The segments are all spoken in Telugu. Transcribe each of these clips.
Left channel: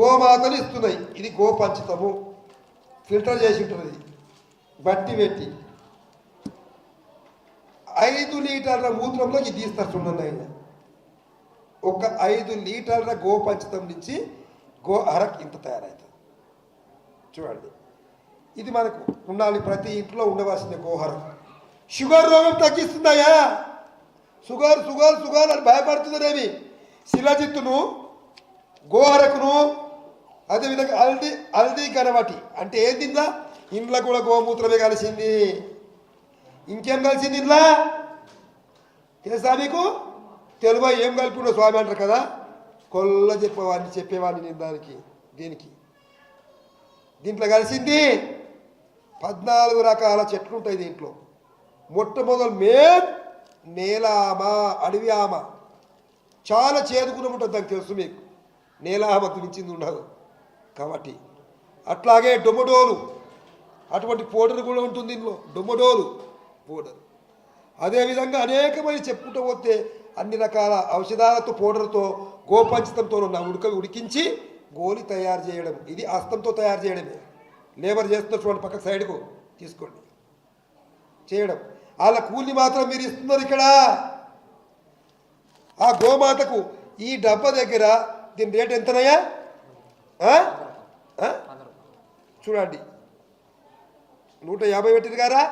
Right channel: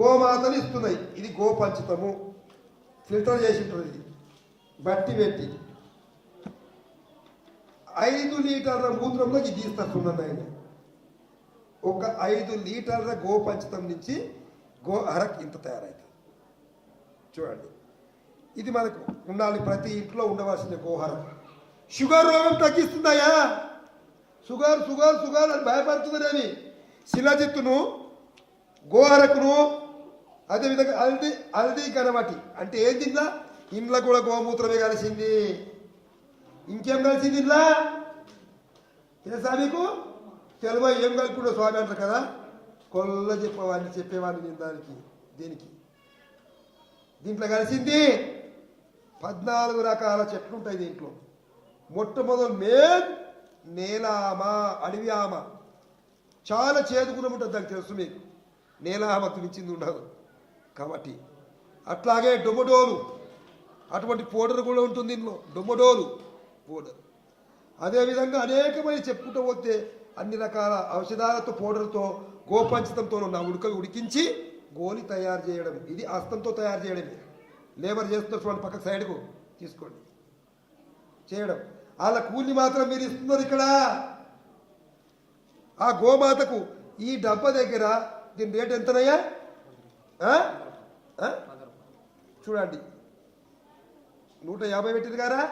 గోమాతలు ఇస్తున్నాయి. ఇది గోపంచితము. ఫిల్టర్ చేసి ఉంటుంది బట్టి పెట్టి. ఐదు లీటర్ల మూత్రంలో ఇది తీస్తారు ఆయన. ఒక ఐదు లీటర్ల గోపంచితం నుంచి గో అరక్ ఇంత తయారవుతుంది. చూడండి. ఇది మనకు ఉండాలి ప్రతి ఇంట్లో ఉండవలసిన గోహరం. షుగర్ రోగం తగ్గిస్తుందయ్యా. షుగర్ షుగర్ షుగర్ అని భయపడుతుందనేమి శిలజిత్తును గోహరకును అదేవిధంగా హల్దీ అల్ది గనవటి అంటే ఏం తిందా ఇంట్లో కూడా గోమూత్రమే కలిసింది. ఇంకేం కలిసింది ఇంట్లో తెలుసా నీకు? తెలుగు ఏం కలిపిండో స్వామి అంటారు కదా? కొల్ల చెప్పేవాడిని చెప్పేవాడిని నేను దానికి దీనికి. దీంట్లో కలిసింది పద్నాలుగు రకాల చెట్లు ఉంటాయి దీంట్లో. మొట్టమొదలు మేం నేలామ అడవి ఆమ చాలా చేదుగుణం ఉంటుంది దానికి తెలుసు మీకు. నేల ఆమకు మించింది ఉండదు. కాబట్టి అట్లాగే డొమడోలు. అటువంటి పౌడర్ కూడా ఉంటుంది ఇందులో. డొమడోలు పౌడర్. అదేవిధంగా అనేకమంది చెప్పుకుంటూ పోతే అన్ని రకాల ఔషధాలతో పౌడర్తో గోపంచితంతో ఉన్న ఉడక ఉడికించి గోలి తయారు చేయడం. ఇది హస్తంతో తయారు చేయడమే. లేబర్ చేస్తున్నటువంటి పక్క సైడ్కు తీసుకోండి. చేయడం. వాళ్ళ కూలి మాత్రం మీరు ఇస్తున్నారు ఇక్కడ. ఆ గోమాతకు ఈ డబ్బా దగ్గర దీని రేట్ ఎంతనయ్యా? చూడండి. నూట యాభై పెట్టింది కారా?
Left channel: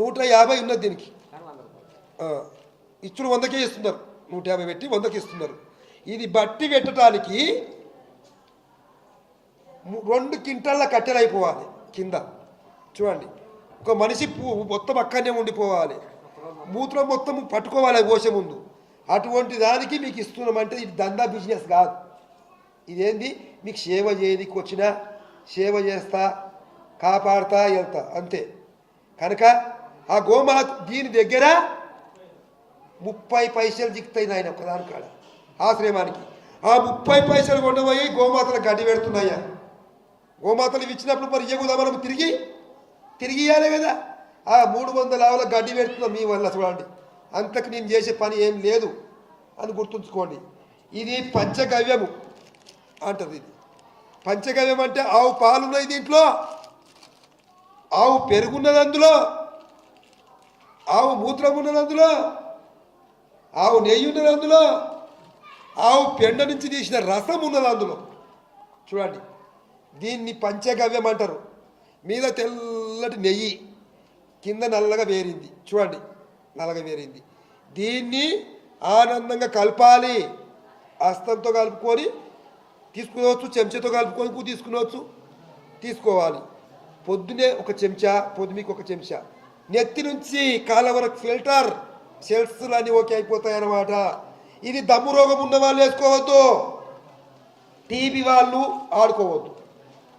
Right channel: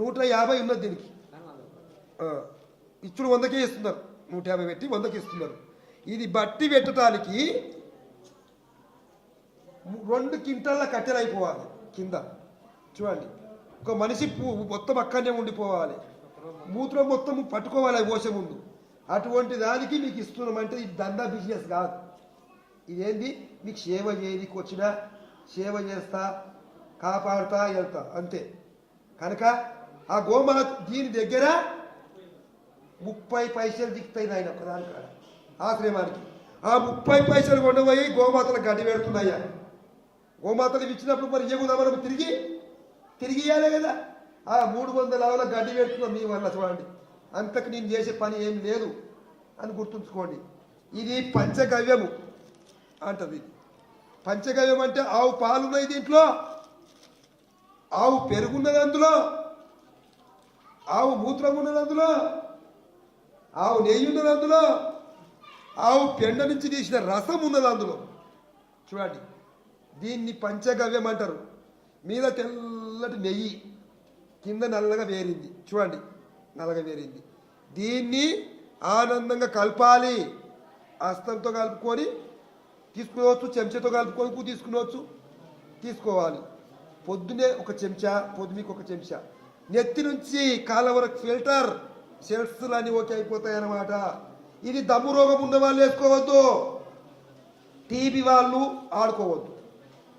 నూట యాభై ఉన్నది దీనికి. ఇచ్చుడు వందకే ఇస్తున్నారు. నూట యాభై పెట్టి వందకి ఇస్తున్నారు. ఇది బట్టి పెట్టడానికి రెండు క్వింటళ్ళ కట్టెలైపోవాలి కింద. చూడండి. ఒక మనిషి మొత్తం అక్కడనే ఉండిపోవాలి. మూత్రం మొత్తం పట్టుకోవాలి పోసే ముందు. అటువంటి దానికి మీకు ఇస్తున్నామంటే ఇది దందా బిజినెస్ కాదు. ఇదేంది? మీకు సేవ చేయడానికి వచ్చినా సేవ చేస్తా కాపాడుతా వెళ్తా అంతే. కనుక ఆ గోమాత దీని దగ్గర ముప్పై పైసలు దిక్కుతాయి నాయన ఒకదాని కాడ ఆశ్రమానికి. ఆ ముప్పై పైసలు కొండపోయి గోమాతలకు గడ్డి పెడుతున్నాయా? గోమాతలు ఇచ్చినప్పుడు మరి ఇయ్యకుదా తిరిగి? తిరిగి ఇవ్వాలి కదా. ఆ మూడు వందల ఆవుల గడ్డి పెడుతున్నాం మీ వల్ల చూడండి. అంతకు నేను చేసే పని ఏం లేదు అని గుర్తుంచుకోండి. ఇది పంచగవ్యము. అంటది ఇది. పంచగవ్యం అంటే ఆవు పాలు ఉన్నాయి దీంట్లో. ఆవు పెరుగున్నది అందులో. ఆవు మూత్రం ఉన్నది అందులో. ఆవు నెయ్యి ఉన్నది అందులో. ఆవు పెండ నుంచి తీసిన రసం ఉన్నది అందులో. చూడండి. దీన్ని పంచగవ్యం అంటారు. మీద తెల్లటి నెయ్యి కింద నల్లగా వేరింది. చూడండి. నల్లగా వేరింది. దీన్ని ఆనందంగా కలపాలి. హస్తంతో కలుపుకొని తీసుకునవచ్చు చెంచాతో కలుపుకొని తీసుకునవచ్చు. తీసుకోవాలి. పొద్దునే ఒక చెంచా పొద్దుమికి ఒక చెంచా. నెత్తి నుంచి కాళ్ళ వరకు ఫిల్టర్ సెల్స్లు అన్నీ ఓకే అయిపోతాయి అన్నమాట ఇది దమ్ము రోగం ఉన్న వాళ్ళు వేసుకోవద్దు. టీబీ వాళ్ళు ఆడుకోవద్దు.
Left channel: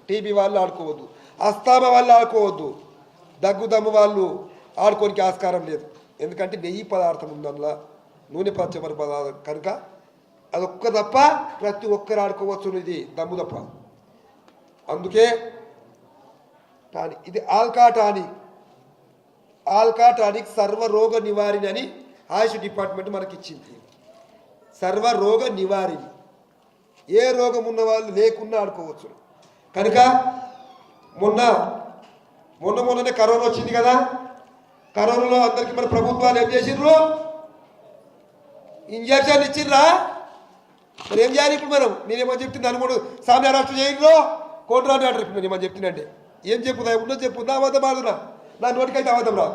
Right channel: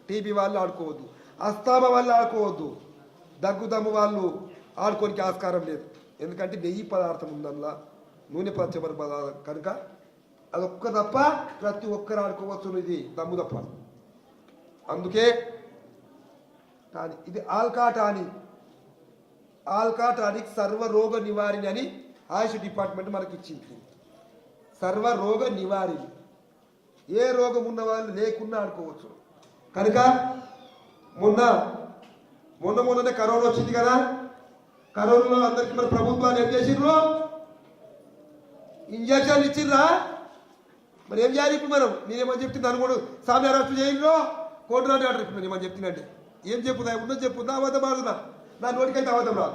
టీబీ వాళ్ళు ఆడుకోవద్దు. అస్తామ వాళ్ళు ఆడుకోవద్దు. దగ్గు దమ్ము వాళ్ళు ఆడుకోనికి ఆస్కారం లేదు. ఎందుకంటే నెయ్యి పదార్థం ఉందల్లా. నూనె పచ్చబడి పదార్థం. కనుక అదొక్క తప్ప ప్రతి ఒక్కరు ఆడుకోవచ్చు ఇది. దమ్ము తప్ప. అందుకే టానిక్. ఇది ఆల్కా టానిక్ ఆల్కా టానిక్ సర్వరోగ నివారిణి అని ఆయుష్ డిపార్ట్మెంట్ మనకి ఇచ్చింది సర్వరోగ నివారిణి. ఏ రోగం ఉన్న వాళ్ళు లేకుండా ఆడుకోవచ్చు కనుక మొన్న మొన్న మొన్ననే కరోనా వచ్చింది కదా. కరోనాలో అందరికీ మన ప్రభుత్వాలు ఏం చేసిండ్రు ఇంజక్షన్ ఇచ్చిర్రా? మరి ఏం చేయాలి ఇప్పుడు మనం? నేనేమని చెప్తుంది అనుకోడు సామ్య రాష్ట్రం చేయండిరో. కోటరాని ఆర్డర్ ఇప్పుడు ఏమని చెప్తుందంటే ఏం చెప్పుదా ఉన్నది చెప్పు నా అబద్ధం ఆడుతున్నా. నా నోటికైతే అబద్ధం రా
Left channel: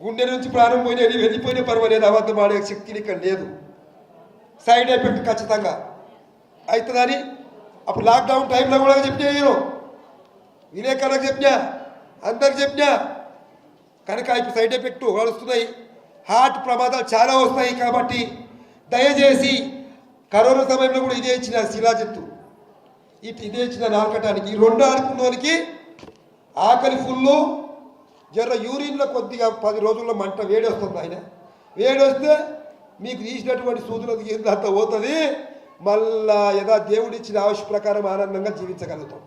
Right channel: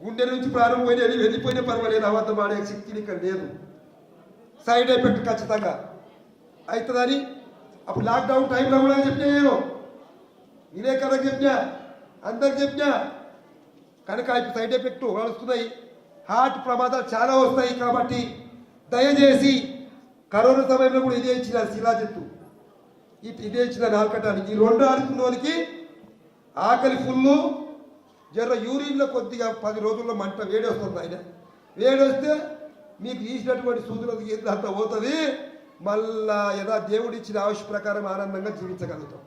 గుండె నుంచి ప్రాణం పోయినది వెళ్ళిపోయినా పర్వాలేదు అబద్ధం ఆడే శక్తి ఇక్కడ లేదు. సైడ్ ఎఫెక్ట్ ఖచ్చితంగా అవుతుందని అప్పుడు లాక్డౌన్ టైంలో కూడా చెప్పినా నేను. విలేకరులకు చెప్పినా అందరికి చెప్పినా. కనుక ఇప్పుడు సైడ్ ఎఫెక్ట్ వస్తున్నాయి హార్ట్ ప్రమాదాలు చాలా వస్తాయి కాబట్టి దయచేసి కరోనా సమయంలో కూడా ఇదే ఇచ్చిన శిలాజత్తు ఇట్ ఇదే ఇచ్చిన నాలుకటానికి. ఈ రెండు ఆడుకున్న వాళ్ళకి ఆకలి ఫుల్లు జర యూరిన్లో కొద్దిగా పది రోజుల్లో మంట వేడి వస్తుంది ఆయన. వేడి వస్తే మీకు తీసినటువంటి సూదులకు ఏందంత పోతుంది? మళ్ళా యథా దేవుడిచ్చిన ఆవశ్య ప్రకారం ఆనందంగా జీవించగలుగుతాం.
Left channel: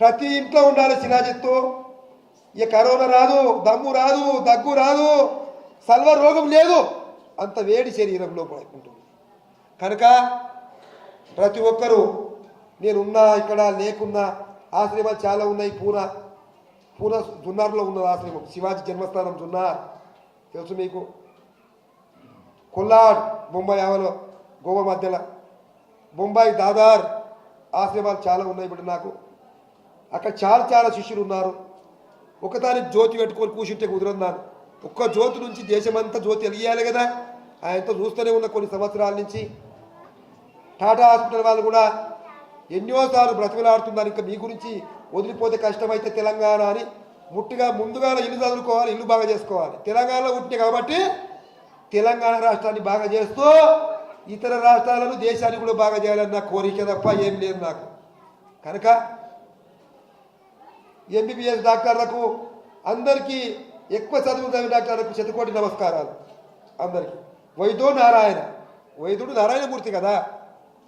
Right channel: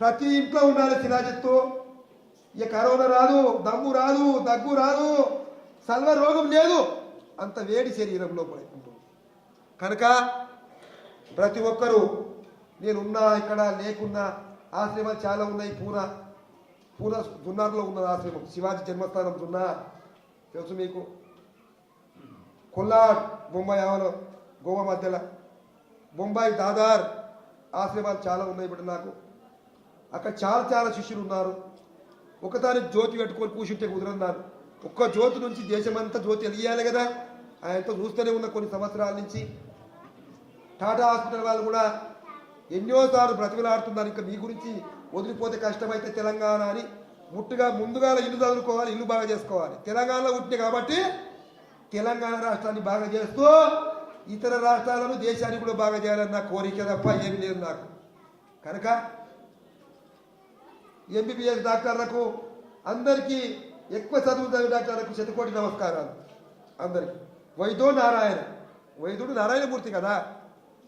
ప్రతి ఇంట్లో ఉండాలి శిలాజిత్తు ఇక కరోనా రాదు దమ్ము రాదు దగ్గు రాదు సల్వ రోగం లేదు. అంత వేడి శరీరంలో పడుకుంటుంది కనుక ప్రతి ఒక్కరూ నేనున్నా ఇక్కడ లేకున్నా ఆశ్రమాలు చాలా ఉన్నాయి పూనా పూనా జున్నార్లో ఉన్న ఆశ్రమం శివాజీ జన్మస్థానం జున్నార్. తెలుసు మీకు? కొల్లాడ్ బొంబాయి ఆవలో గోవా మధ్యలో. బొంబాయి దాదార్ ఆశ్రమాలు చాలా ఉన్నాయి ఇప్పుడు నాకు. అక్కడ చాలా చాలా శిష్యులు ఉన్నారు. ఒకదానికి జ్యోతి పెట్టుకొని కూర్చుంటే కుదరన్నాను ఒక్క జ్యోతి నుంచి దేశమంతా జ్యోతి వెలియాలి కదా. ఆయనతో చూస్తూనే ఉన్న కొన్ని సంవత్సరాల నుంచి. టాటా హాస్పిటల్ వాళ్ళు కూడా ఎన్నోసార్లు బ్రతిమలాడుతున్నారు. ఇంకా మీ గురించి వదిలిపోతే కష్టమైతే తెలంగాణ అని ముట్టుగా ముందుగా ఇల్లు చదువుకోవాలి ఇల్లు బాగా చేసుకోవాలి. తెలంగాణలో ఉంటే కాబట్టి తెలంగాణ రాష్ట్రాన్ని బాగా చేస్తూ ఇతర రాష్ట్రాలను దేశాన్ని కూడా బాగా చేయాలని నా కోరిక తప్ప ఏం లేదు నాకు. కనుక ఎంబీబీఎస్ డాక్టర్లకు అందరికీ ఎక్కువ చదువు చదివిన డాక్టర్లకు శతకోటి నమస్కారాలు. అందరికీ. వైద్యుడు నారాయణ. వైద్యుడు నారాయణమూర్తి కదా?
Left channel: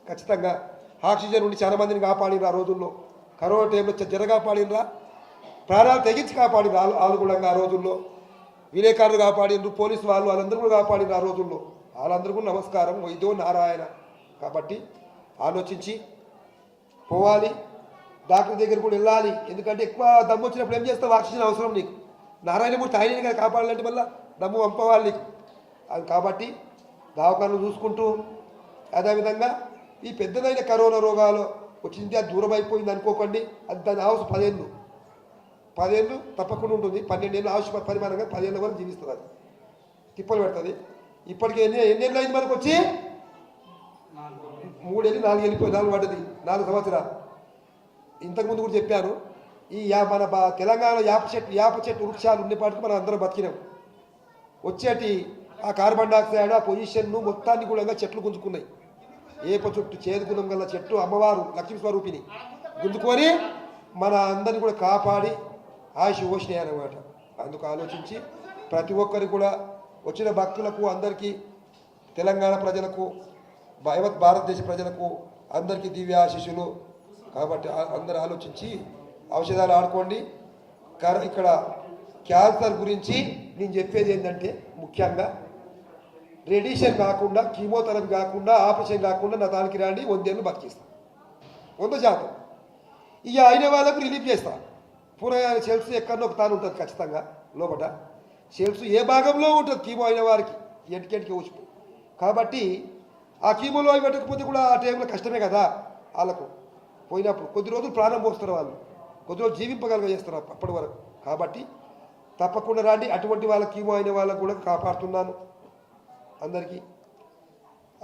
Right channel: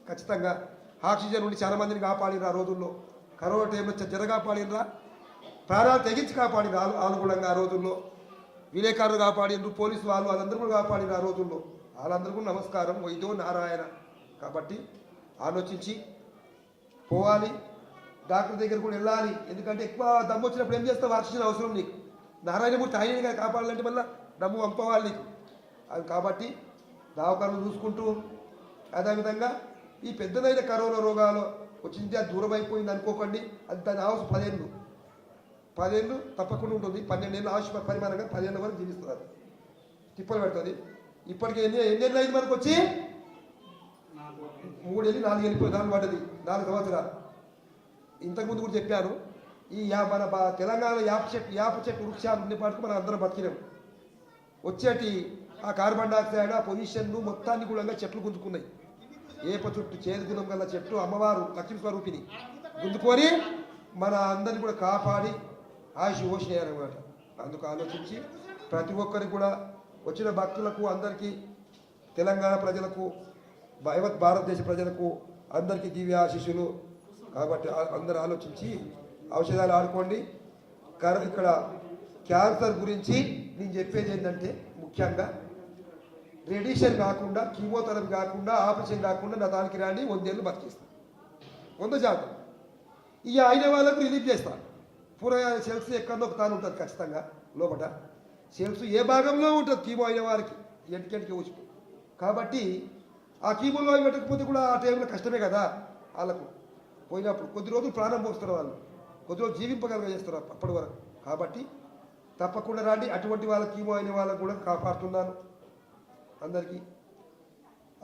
ఖచ్చితంగా ఆక్సిజన్ ఉండి చాలా మందిని కాపాడినరు ఆ రోజుల్లో. కరోనా టైంలో చ- జర కాపాడినరా ప్రాణాలు తెగించి కాపాడినరు ఆలుగుణంగా ఆ రోజుల్లో. విలేకరులు కాపాడినరు పోలీసు వాళ్ళు వాళ్ళందరూ కూడా కాపాడినరు ఆ రోజుల్లో. వాళ్ళందరికీ నమస్కారం. వైద్యో నారాయణ. కాబట్టి ఆలోచించి పోవాలి. డాక్టర్ దగ్గర కూడా వెళ్ళాలి. ఎందుకంటే ఎక్కువ దమ్ము వచ్చినప్పుడు ఏం చేస్తావు? ఆక్సిజన్ అవసరం నీకు. నారాయణమూర్తి ఆయనని కదా కాపాడాలంటే మళ్ళీ దమ్ము పంపవాలి నీకు. అది కాబట్టి దావకాలను చూసుకుంటూ అదేవిధంగా ఈ పెద్దదైన కరోనా రోగాలు వచ్చింది అది దూరం అయిపోయింది అనుకోకండి. అది దాని ఆవస పదేళ్ళు. పదేళ్ళు తప్పకుండా ఉంటుంది. పన్నెండేళ్ళు ఆయుష్ పరిమాణంగా పదిహేను వరకు జీవిస్తుంది అది. తిప్పలు పెడుతుంది. ఇప్పటికే ఎన్ని ఎన్నేళ్ళు అయింది మనకు వచ్చి? మూడేళ్ళు నాలుగు వెళ్ళిపోయి నాలుగు పడ్డది. నాలుగు సంవత్సరాలు. ఇంతకుముందు కూడా చెప్పాను. ఈ యా మన బా- తెలంగాణలో యాప చెట్టు యాప చెట్టు వృక్షాలు ఉండేపాటికి మనం అందరం బతికినాం. వచ్చేటి ఆ కార్బన్ డైఆక్సైడ్ ఆ పొజిషన్ను మొత్తాన్ని కూడా చెట్లు గుంజుకున్నాయి. ఏప చుట్టు చేదుగుణం గల చెట్టు అమ్మవారు లక్ష్మీ స్వరూపిణి. గుందుకొని మన అందరిని కూడా కాపాడి ఆయుష్ ఓషినాయనమాట అందుకు ఆలోచించి ప్రతి ఒక్కరి కూడా వచ్చిన భక్తులకు అందరికీ తెలంగాణ ప్రజలకు భయవత్ భారతదేశ ప్రజలకు అందరికీ దివ్య ఆశీస్సులు. కాబట్టి అందరు ఆలోచించి ఔషధాలు ఆడుకోండి. ఇక్కడ క్యాన్సర్ గురించి నేను చెప్పేది ఏంటంటే ముఖ్యంగా రేడియేషన్ కాకుండా కీమోథెరపీ కాకుండా ఆపరేషన్ కాకుండా నా దానికి రాండి వందేళ్ళు బతికిస్తా. వంద శాతం. ఇక అయిన వాళ్ళకు రిలీఫ్ చేస్తా. పూర్వగా సెల్స్ ఎక్కడో ఒక తాను ఉంటుంది ఖచ్చితంగా లోపల సెల్స్ ఏ భాగంలో ఉంటుంది కీమో అయిన వారికి. ఎంటికెంటికి ఊసిపో. కాబట్టి ఆ కీమోలో అవి పెట్టకపోతే కూడా ఆ టైంలో కష్టమే కదా వాళ్ళకు. పోయినప్పుడు కొద్ది రోజులు ప్రాణం పోస్తారు వాళ్ళు. కొద్ది రోజులు జీవింపగలగ చేస్తారు అప్పటి వరకు. కాబట్టి తప్పకుండా రాండి. అటువంటి వాళ్ళ కీమో అయిన వాళ్ళకు కూడా కాపాడుతున్నాను. అందరికీ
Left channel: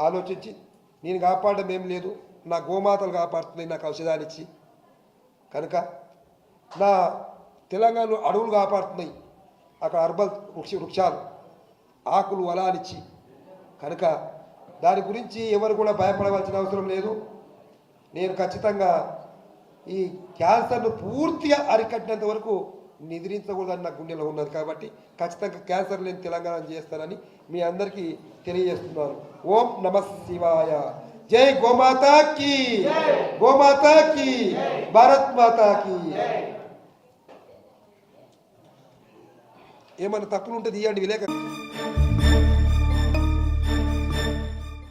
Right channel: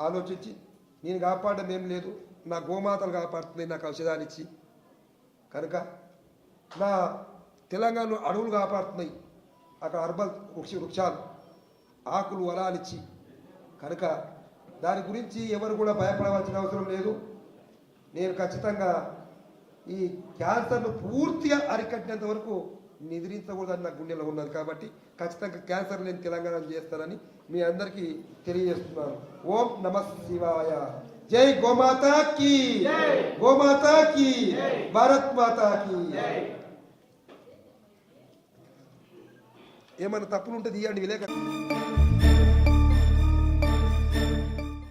ఆలోచించి నేను కాపాడడం ఏం లేదు. నా గోమాతలు కాపాడుతున్నాయి నాకు ఔషధాలు ఇచ్చి. కనుక నా తెలంగాణలో అడవులు కాపాడుతున్నాయి. అక్కడ అర్బల్ వృక్ష వృక్షాలు ఆకులు వలాలిచ్చి కనుక దాని గురించి ఎవరు కూడా భయపడవలసిన అవసరం లేదు. నేను ఖచ్చితంగా ఈ క్యాన్సర్ను పూర్తిగా అరికట్టినంత వరకు నిద్రించకూడదని నా గుండెలో ఉన్నది కాబట్టి ఖచ్చితంగా క్యాన్సర్ లేని తెలంగాణ చేస్తానని మీ అందరికీ తెలియజేస్తున్నాను. ఓం నమ శివాయ. జై గోమాతా కీ. గోమాతా కీ. భారత్ మాతా కీ. ఏమన్నా తప్పులు ఉంటే తీయండి విలేక